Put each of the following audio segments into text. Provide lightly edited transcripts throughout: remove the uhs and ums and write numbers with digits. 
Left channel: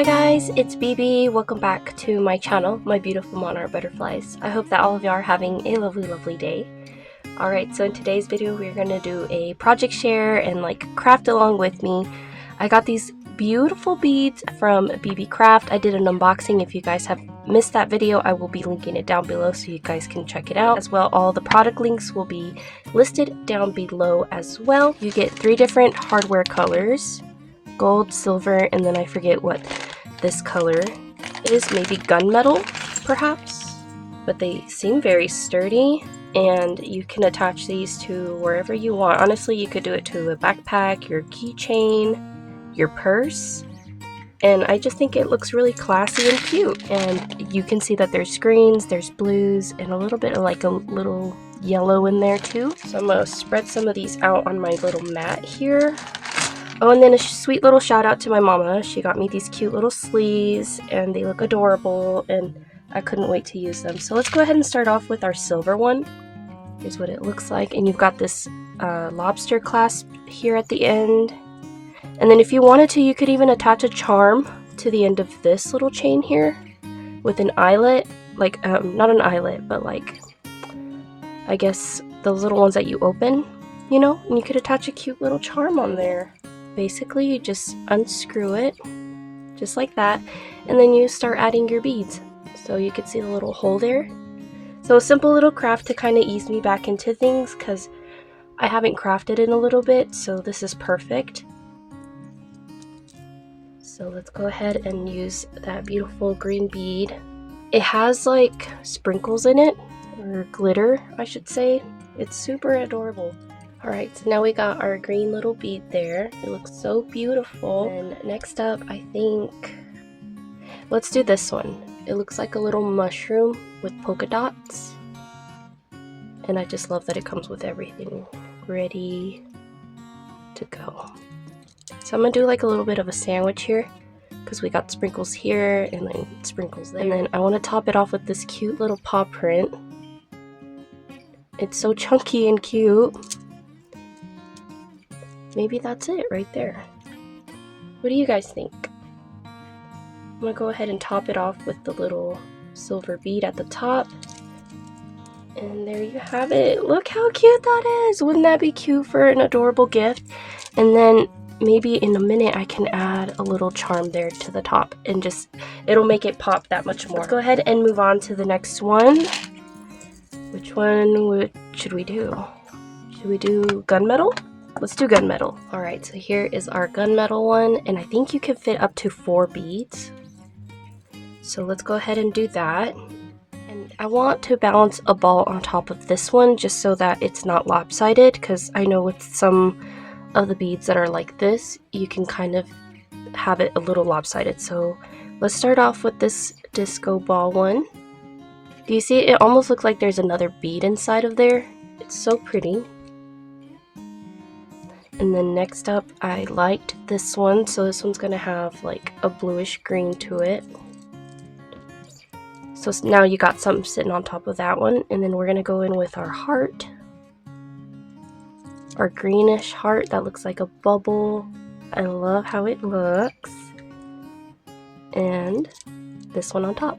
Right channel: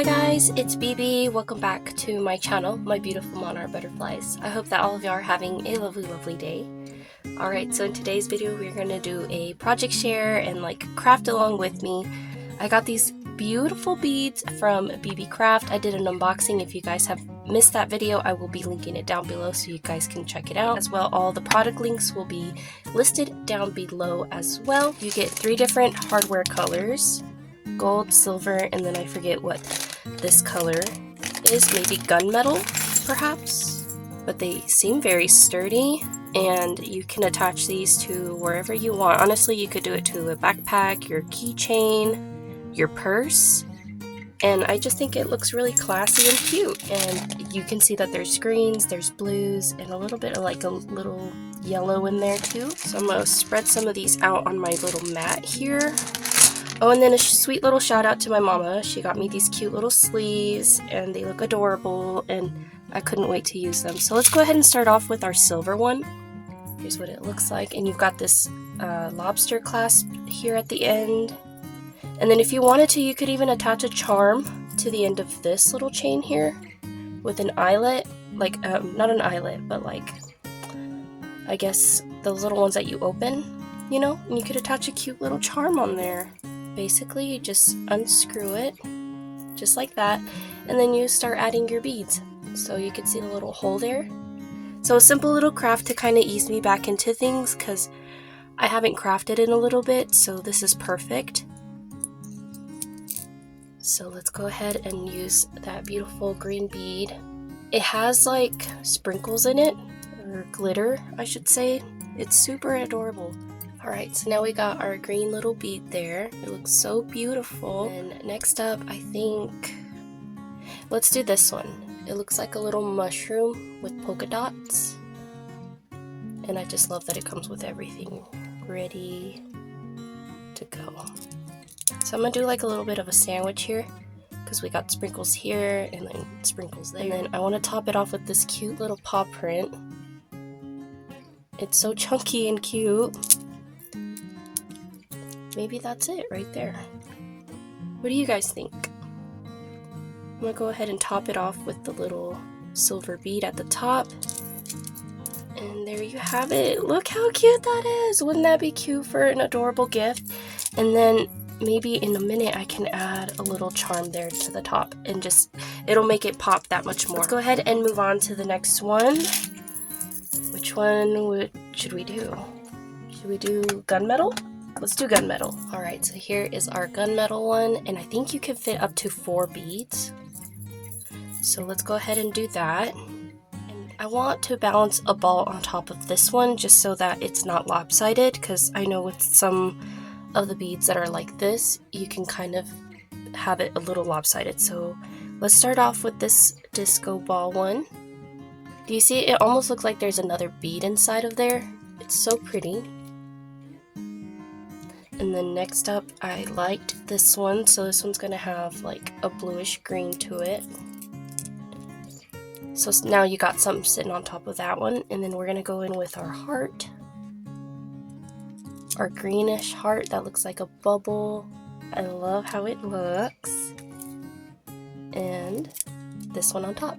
Hi guys, it's BB. Welcome back to my channel, my beautiful monarch butterflies. I hope that all of y'all are having a lovely day. Alright, so in today's video we're going to do a project share and craft along with me. I got these beautiful beads from BeeBeeCraft. I did an unboxing. If you guys have missed that video, I will be linking it down below so you guys can check it out. As well, all the product links will be listed down below as well. You get 3 different hardware colors. Gold, silver, and then I forget what this color is, maybe gunmetal perhaps, but they seem very sturdy and you can attach these to wherever you want. Honestly, you could do it to a backpack, your keychain, your purse, and I just think it looks really classy and cute. And you can see that there's greens, there's blues, and a little bit of a little yellow in there too. So I'm gonna spread some of these out on my little mat here. Oh, and then a sweet little shout out to my mama. She got me these cute little sleeves and they look adorable and I couldn't wait to use them. So let's go ahead and start off with our silver one. Here's what it looks like, and you've got this lobster clasp here at the end. And then if you wanted to, you could even attach a charm to the end of this little chain here with an eyelet, not an eyelet, but I guess those little ones that you open, you know, and you could attach a cute little charm on there. Basically, you just unscrew it, just like that, and then you start adding your beads. So you can see the little hole there. So a simple little craft to kind of ease me back into things, because I haven't crafted in a little bit, so this is perfect. So let's go ahead and use that beautiful green bead. It has sprinkles in it, or glitter, I should say. It's super adorable. Alright, so now we got our green little bead there. It looks so beautiful. And next up, I think, let's do this one. It looks like a little mushroom with polka dots. And I just love that it comes with everything ready to go. So I'm going to do a little bit of a sandwich here, because we got sprinkles here and then sprinkles there. And then I want to top it off with this cute little paw print. It's so chunky and cute. Maybe that's it right there. What do you guys think? I'm gonna go ahead and top it off with the little silver bead at the top. And there you have it. Look how cute that is. Wouldn't that be cute for an adorable gift? And then maybe in a minute I can add a little charm there to the top and it'll make it pop that much more. Let's go ahead and move on to the next one. Which one should we do? Should we do gunmetal? Let's do gunmetal. Alright, so here is our gunmetal one, and I think you can fit up to 4 beads. So let's go ahead and do that. And I want to balance a ball on top of this one just so that it's not lopsided, because I know with some of the beads that are like this, you can kind of have it a little lopsided. So let's start off with this disco ball one. Do you see it almost looks like there's another bead inside of there? It's so pretty. And then next up, I liked this one, so this one's gonna have a bluish green to it. So now you got something sitting on top of that one, and then we're gonna go in with our heart. Our greenish heart that looks like a bubble. I love how it looks. And this one on top.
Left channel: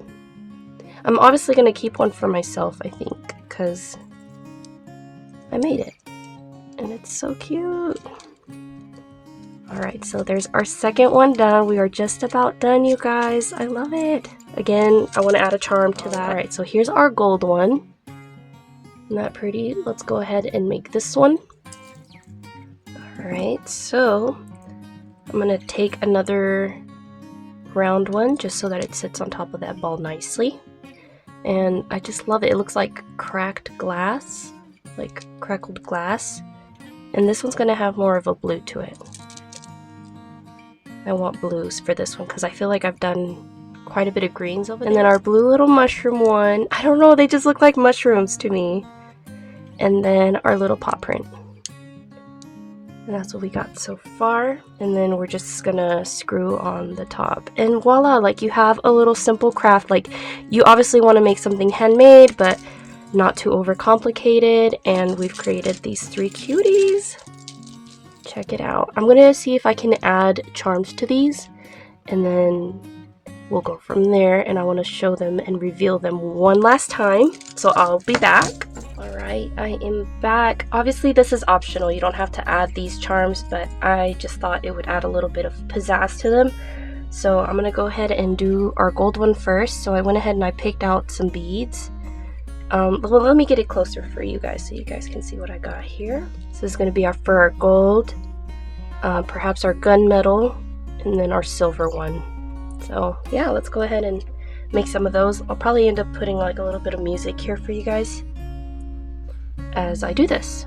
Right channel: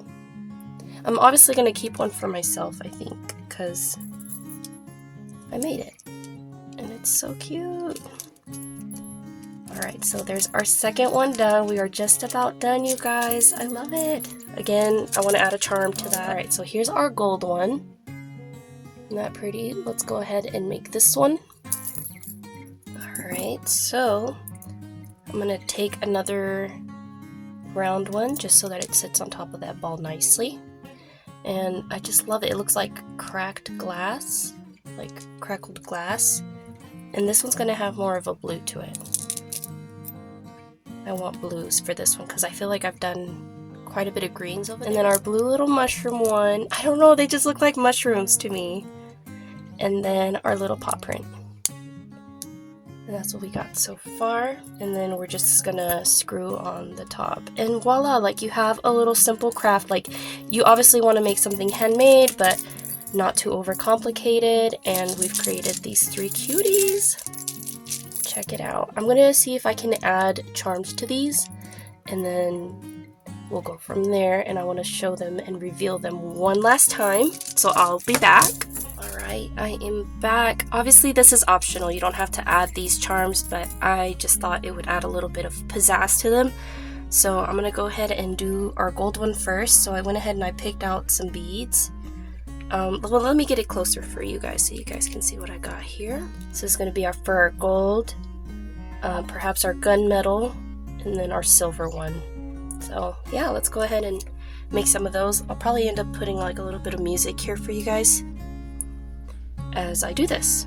I'm obviously gonna keep one for myself, I think, because I made it. And it's so cute. Alright, so there's our second one done. We are just about done, you guys. I love it. Again, I want to add a charm to that. Alright, so here's our gold one. Isn't that pretty? Let's go ahead and make this one. Alright, so I'm going to take another round one just so that it sits on top of that ball nicely. And I just love it. It looks like cracked glass, like crackled glass. And this one's going to have more of a blue to it. I want blues for this one because I feel like I've done quite a bit of greens over there. And then our blue little mushroom one. I don't know, they just look like mushrooms to me. And then our little paw print. And that's what we got so far. And then we're just gonna screw on the top. And voila, you have a little simple craft. You obviously want to make something handmade, but not too overcomplicated. And we've created these 3 cuties. Check it out. I'm gonna see if I can add charms to these and then we'll go from there, and I want to show them and reveal them one last time. So I'll be back. Alright, I am back. Obviously this is optional, you don't have to add these charms, but I just thought it would add a little bit of pizzazz to them. So I'm going to go ahead and do our gold one first. So I went ahead and I picked out some beads. Well, let me get it closer for you guys so you guys can see what I got here. So this is going to be for our gold, perhaps our gunmetal, and then our silver one. So yeah, let's go ahead and make some of those. I'll probably end up putting like a little bit of music here for you guys as I do this.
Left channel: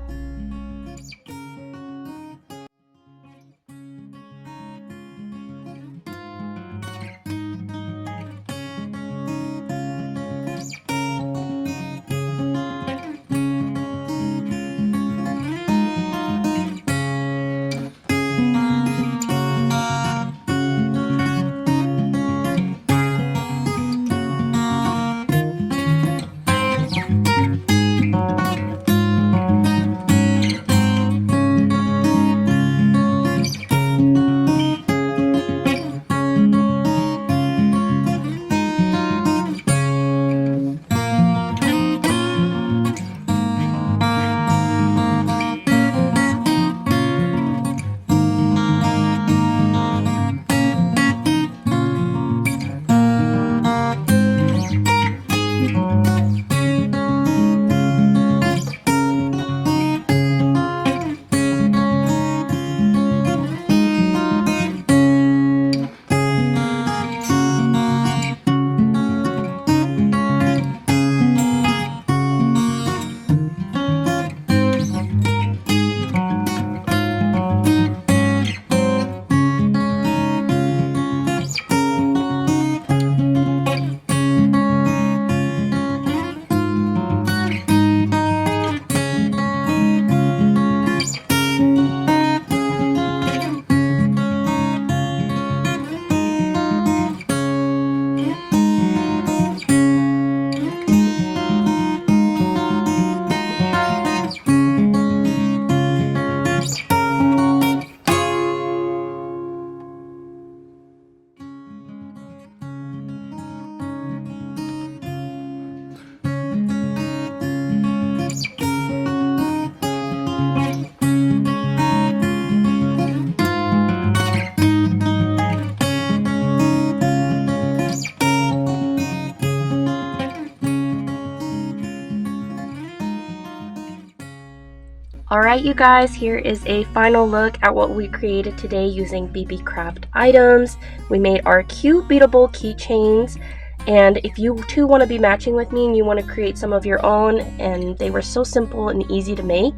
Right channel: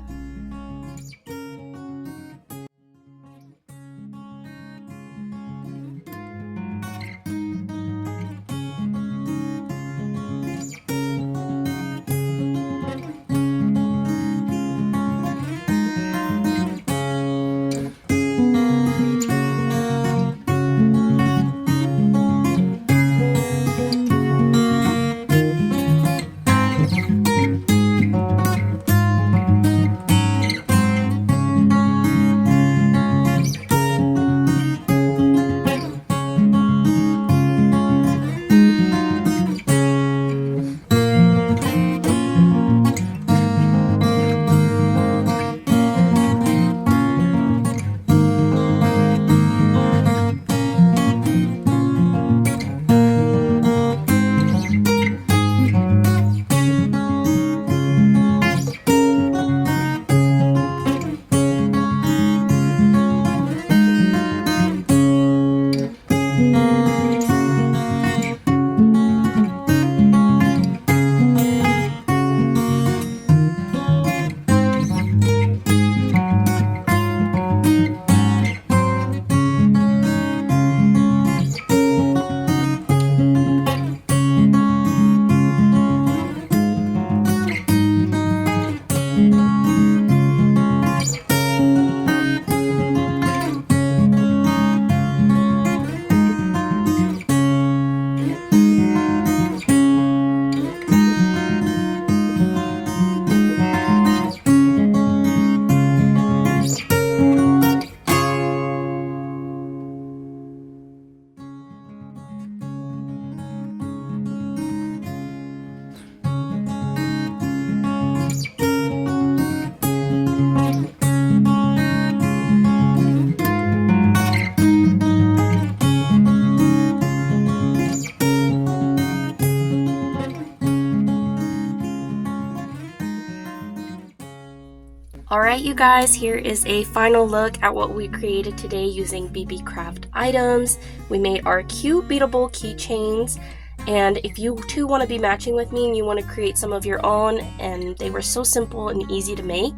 Alright you guys, here is a final look at what we created today using BBCraft items. We made our cute beadable keychains, and if you too want to be matching with me and you want to create some of your own, and they were so simple and easy to make,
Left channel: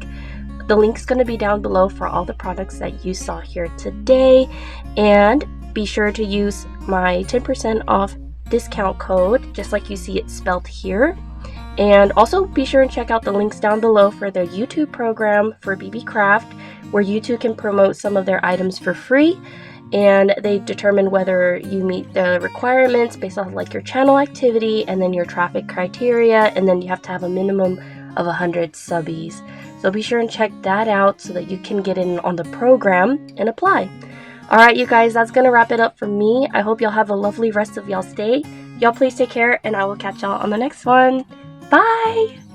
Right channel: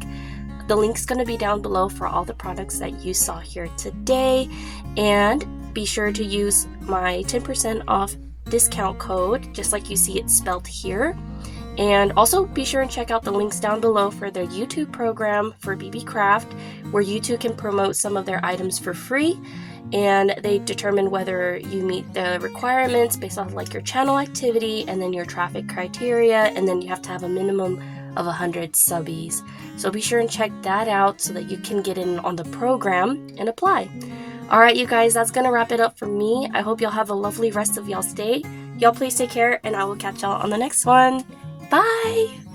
the link's going to be down below for all the products that you saw here today. And be sure to use my 10% off discount code, just like you see it spelled here. And also be sure and check out the links down below for their YouTube program for BeeBeeCraft, where you too can promote some of their items for free, and they determine whether you meet the requirements based off like your channel activity and then your traffic criteria, and then you have to have a minimum of 100 subbies. So be sure and check that out so that you can get in on the program and apply. Alright you guys, that's gonna wrap it up for me. I hope y'all have a lovely rest of y'all's day. Y'all please take care, and I will catch y'all on the next one. Bye!